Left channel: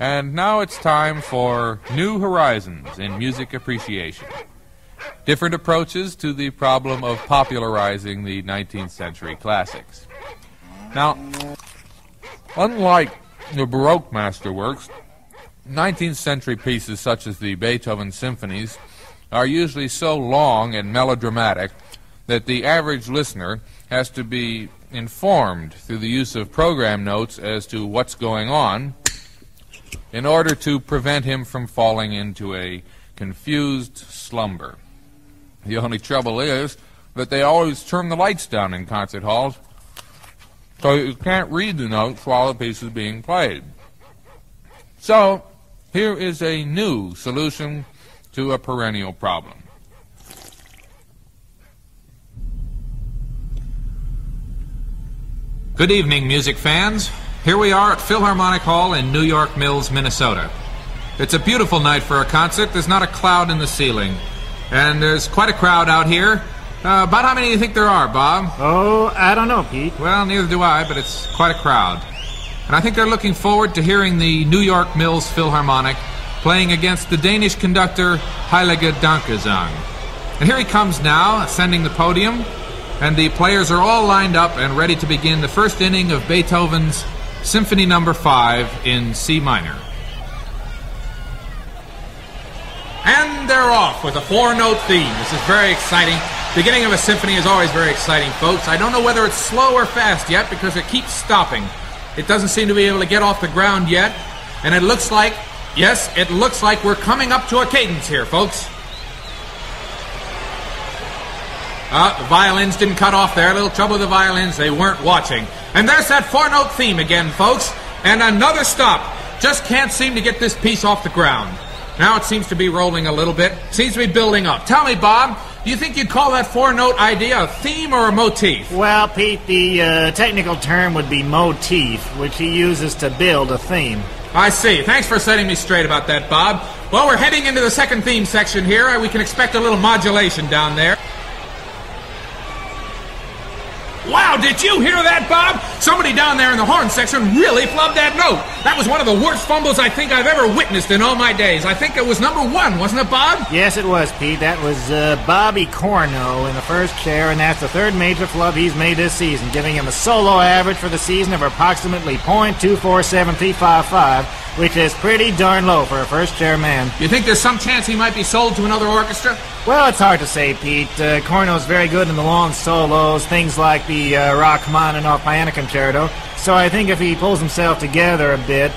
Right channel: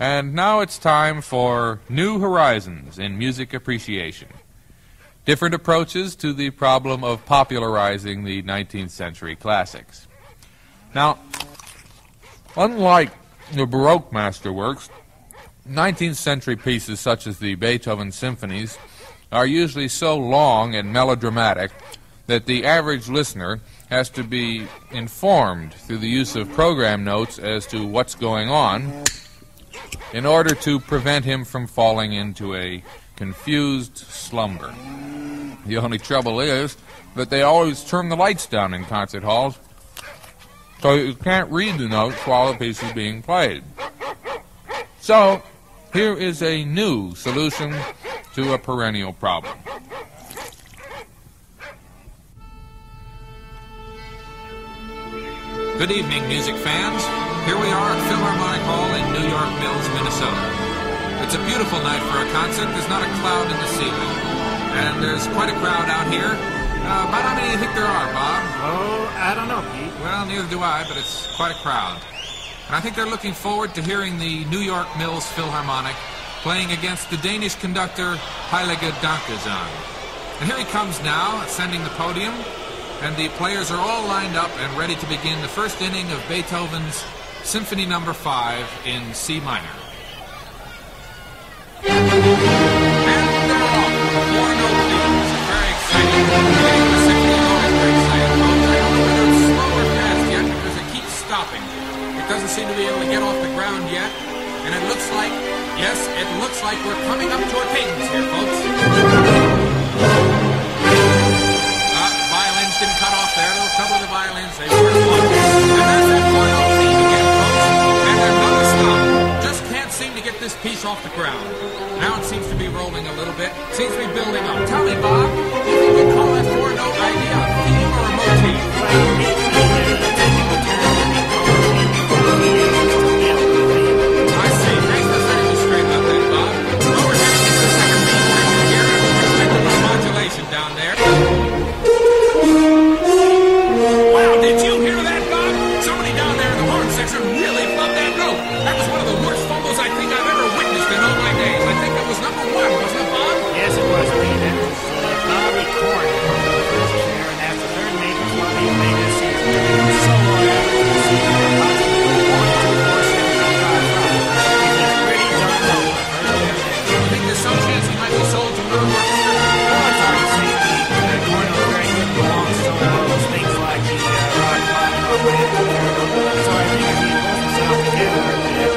And now it's time for New Horizons in Music Appreciation. Different approaches to the problem of popularizing the 19th century classics. Now, unlike the Baroque masterworks, 19th century pieces such as the Beethoven symphonies are usually so long and melodramatic that the average listener has to be informed through the use of program notes as to what's going on in order to prevent him from falling into a confused slumber. The only trouble is that they always turn the lights down in concert halls, so you can't read the notes while the piece is being played. So, here is a new solution to a perennial problem. Good evening, music fans. Here we are at Philharmonic Hall in New York Mills, Minnesota. It's a beautiful night for a concert. There's not a cloud in the ceiling. And there's quite a crowd out here. About how many do you think there are, Bob? Oh, I don't know, Pete. Well, neither do I, but it's quite a crowd. And I think they're looking forward to hearing the New York Mills Philharmonic playing against the Danish conductor Heilige Dankgesang. And here he comes now, ascending the podium, and the players are all lined up and ready to begin the first inning of Beethoven's Symphony No. 5 in C minor. And they're off with a four-note theme. This is very exciting. The beginning of a symphony is always very exciting, folks. I don't know whether it's slow or fast yet because it keeps stopping. It doesn't seem to be able to get off the ground yet. And it looks like, yes, it looks like we're coming up to a cadence here, folks. The violins didn't cut off there. A little trouble with the violins. They weren't watching. And there's that four-note theme again, folks. And another stop. Just can't seem to get this piece off the ground. Now it seems to be rolling a little bit. Seems to be building up. Tell me, Bob, do you think you'd call that four-note idea a theme or a motif? Well, Pete, the technical term would be motif, which he uses to build a theme. I see. Thanks for setting me straight about that, Bob. Well, we're heading into the second theme section here, and we can expect a little modulation down there. Wow, did you hear that, Bob? Somebody down there in the horn section really flubbed that note. That was one of the worst fumbles I think I've ever witnessed in all my days. I think it was number 1, wasn't it, Bob? Yes, it was, Pete. That was Bobby Corno in the first chair, and that's the third major flub he's made this season, giving him a solo average for the season of approximately .24755, which is pretty darn low for a first chair man. You think there's some chance he might be sold to another orchestra? Well, it's hard to say, Pete. Corno's very good in the long solos, things like the Rachmaninoff Piano Concerto. So I think if he pulls himself together a bit,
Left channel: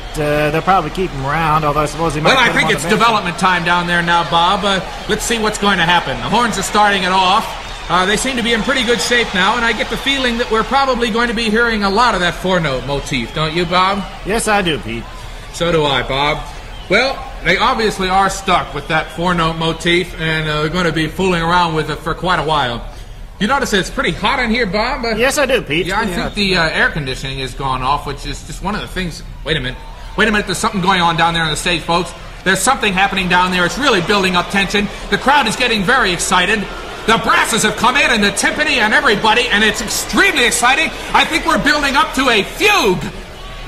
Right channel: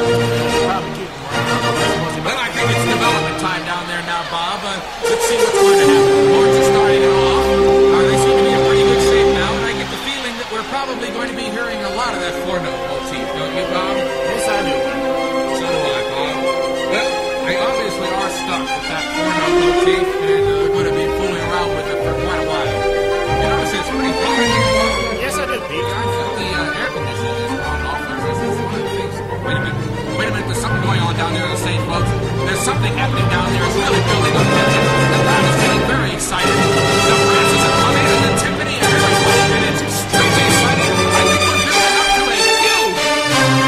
they'll probably keep him around, although I suppose he might... Well, I think it's development time down there now, Bob. Let's see what's going to happen. The horns are starting it off. They seem to be in pretty good shape now, and I get the feeling that we're probably going to be hearing a lot of that four-note motif, don't you, Bob? Yes, I do, Pete. So do I, Bob. Well, they obviously are stuck with that four-note motif, and they're going to be fooling around with it for quite a while. You notice it's pretty hot in here, Bob? Yes, I do, Pete. Yeah, I think the air conditioning is gone off, which is one of the things... Wait a minute, there's something going on down there on the stage, folks. There's something happening down there. It's really building up tension. The crowd is getting very excited. The brasses have come in, and the timpani, and everybody, and it's extremely exciting. I think we're building up to a fugue.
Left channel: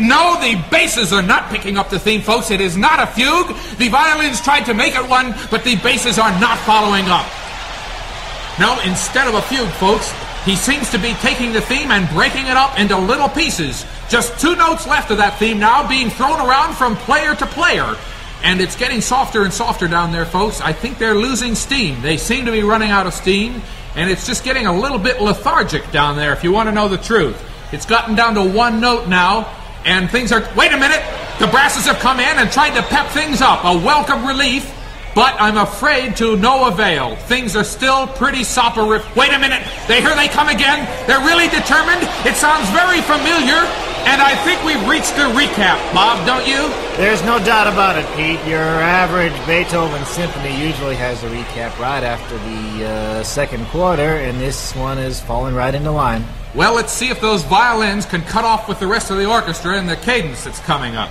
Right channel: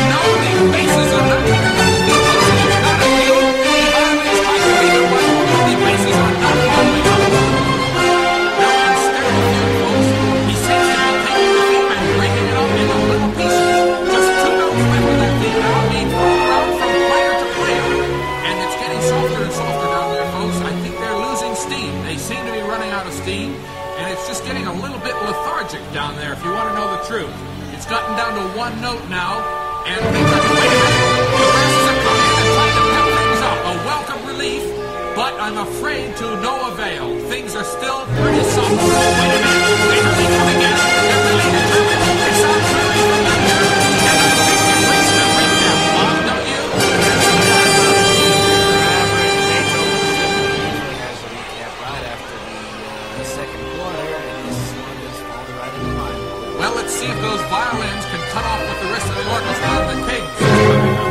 No, the basses are not picking up the theme, folks. It is not a fugue. The violins tried to make it one, but the basses are not following up. No, instead of a fugue, folks, he seems to be taking the theme and breaking it up into little pieces. Just 2 notes left of that theme now, being thrown around from player to player. And it's getting softer and softer down there, folks. I think they're losing steam. They seem to be running out of steam, and it's just getting a little bit lethargic down there, if you want to know the truth. It's gotten down to 1 note now, and things are... Wait a minute! The brasses have come in and tried to pep things up. A welcome relief. But I'm afraid to no avail. Things are still pretty soporific. Wait a minute. Here they come again. They're really determined. It sounds very familiar. And I think we've reached the recap, Bob, don't you? There's no doubt about it, Pete. Your average Beethoven symphony usually has a recap right after the second quarter, and this one is falling right into line. Well, let's see if those violins can cut off with the rest of the orchestra and the cadence is coming up.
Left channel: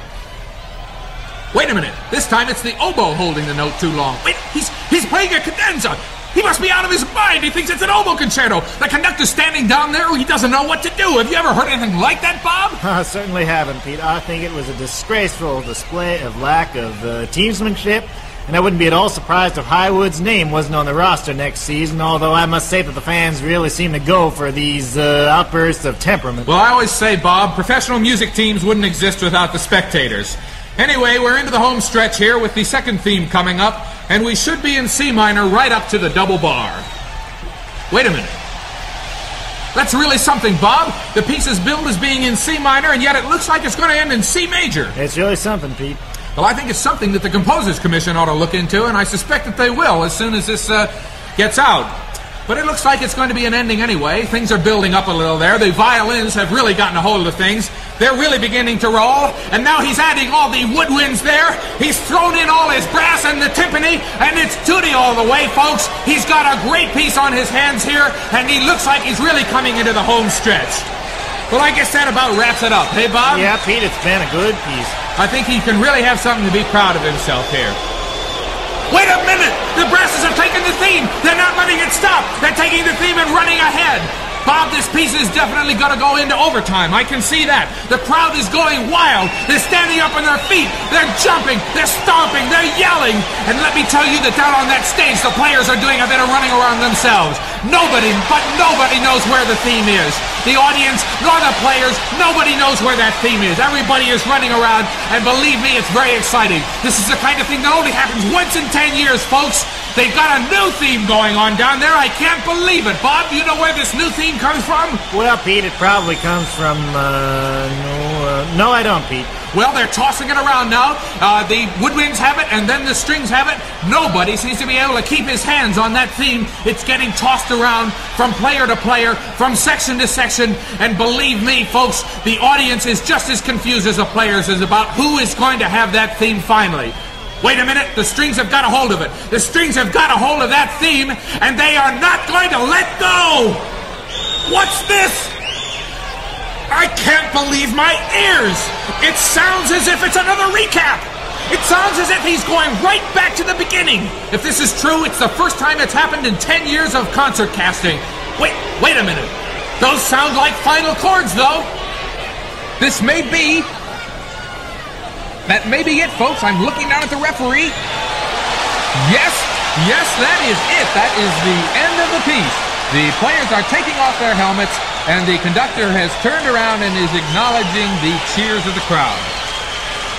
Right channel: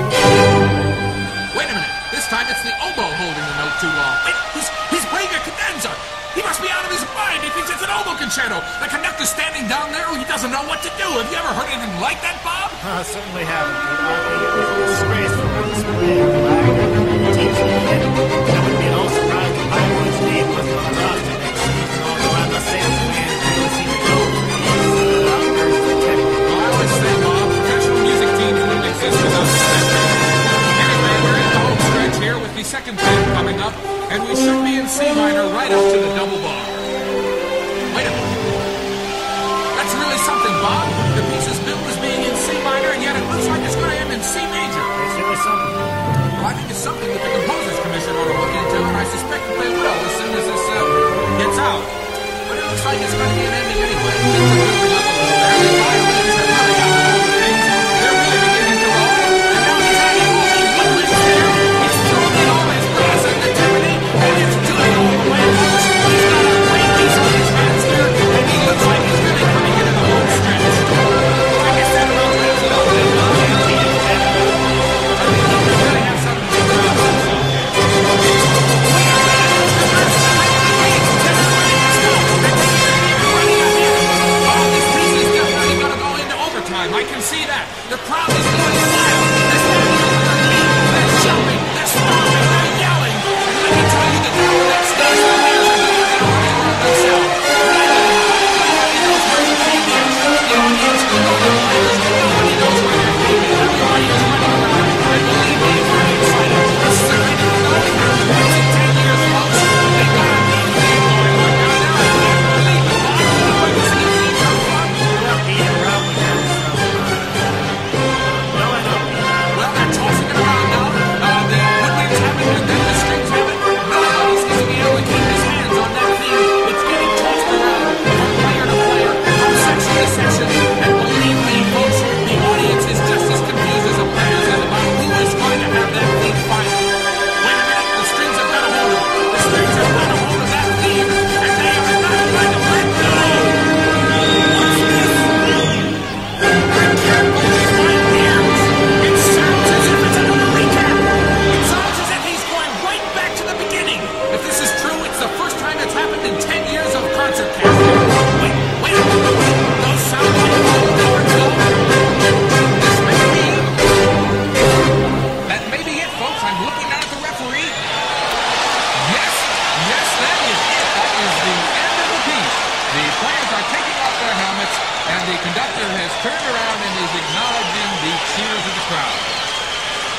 Wait a minute. This time it's the oboe holding the note too long. Wait, he's playing a cadenza. He must be out of his mind. He thinks it's an oboe concerto. The conductor's standing down there. He doesn't know what to do. Have you ever heard anything like that, Bob? I certainly haven't, Pete. I think it was a disgraceful display of lack of teamsmanship. And I wouldn't be at all surprised if Highwood's name wasn't on the roster next season, although I must say that the fans really seem to go for these outbursts of temperament. Well, I always say, Bob, professional music teams wouldn't exist without the spectators. Anyway, we're into the home stretch here with the second theme coming up, and we should be in C minor right up to the double bar. Wait a minute. That's really something, Bob. The piece is billed as being in C minor, and yet it looks like it's going to end in C major. It's really something, Pete. Well, I think it's something that the Composers Commission ought to look into, and I suspect that they will as soon as this gets out. But it looks like it's going to be an ending anyway. Things are building up a little there. The violins have really gotten a hold of things. They're really beginning to roll. And now he's adding all the woodwinds there. He's thrown in all his brass and the timpani, and it's tutti all the way, folks. He's got a great piece on his hands here, and he looks like he's really coming into the home stretch. Well, I guess that about wraps it up, eh, Bob? Yeah, Pete, it's been a good piece. I think he can really have something to be proud of himself here. Wait a minute! The brasses are taking the theme! They're not letting it stop! They're taking the theme and running ahead! Bob, this piece is definitely going to go into overtime. I can see that. The crowd is going wild. They're standing up on their feet. They're jumping. They're stomping. They're yelling. And let me tell you that down on that stage, the players are doing a bit of running around themselves. Nobody knows where the theme is. The audience, nor the players, nobody knows where that theme is. Everybody is running around, and believe me, it's very exciting. This is the kind of thing that only happens once in 10 years, folks. They've got a new theme going on down there. I can't believe it. Bob, do you know where this new theme comes from? Well, Pete, it probably comes from, no, I don't, Pete. Well, they're tossing it around now. The woodwinds have it, and then the strings have it. Nobody seems to be able to keep his hands on that theme. It's getting tossed around from player to player, from section to section. And believe me, folks, the audience is just as confused as the players is about who is going to have that theme finally. Wait a minute, the strings have got a hold of it. The strings have got a hold of that theme, and they are not going to let go. What's this? I can't believe my ears. It sounds as if it's another recap. It sounds as if he's going right back to the beginning. If this is true, it's the first time it's happened in 10 years of concert casting. Wait a minute. Those sound like final chords, though. This may be... That may be it, folks. I'm looking down at the referee. Yes, that is it. That is the end of the piece. The players are taking off their helmets, and the conductor has turned around and is acknowledging the cheers of the crowd.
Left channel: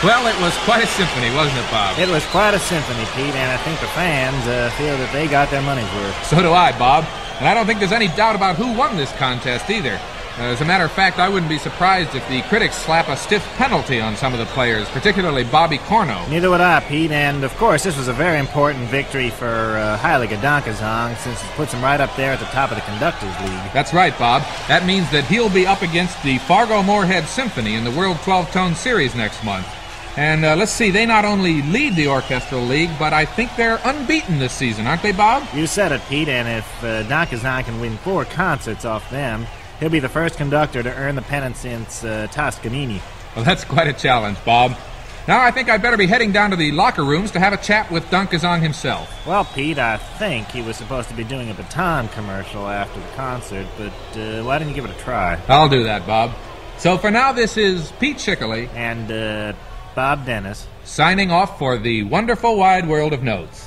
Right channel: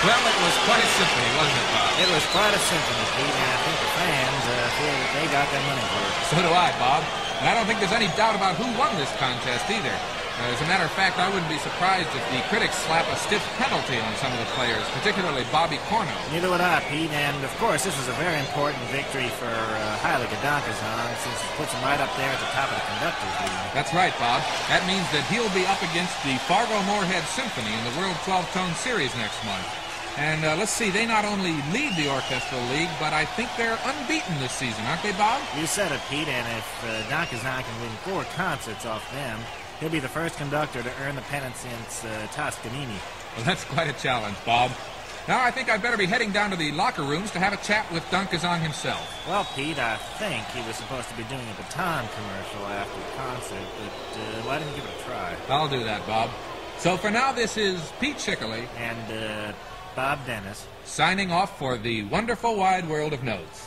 Well, it was quite a symphony, wasn't it, Bob? It was quite a symphony, Pete, and I think the fans feel that they got their money's worth. So do I, Bob. And I don't think there's any doubt about who won this contest either. As a matter of fact, I wouldn't be surprised if the critics slap a stiff penalty on some of the players, particularly Bobby Corno. Neither would I, Pete, and of course this was a very important victory for Heilige Dankgesang, since it puts him right up there at the top of the Conductors League. That's right, Bob. That means that he'll be up against the Fargo-Moorhead Symphony in the World 12-Tone Series next month. And let's see, they not only lead the Orchestral League, but I think they're unbeaten this season, aren't they, Bob? You said it, Pete, and if Dankgesang can win 4 concerts off them, he'll be the first conductor to earn the pennant since Toscanini. Well, that's quite a challenge, Bob. Now I think I'd better be heading down to the locker rooms to have a chat with Dankgesang himself. Well, Pete, I think he was supposed to be doing a baton commercial after the concert, but why didn't you give it a try? I'll do that, Bob. So for now, this is Pete Schickley and Bob Dennis signing off for the wonderful wide world of notes.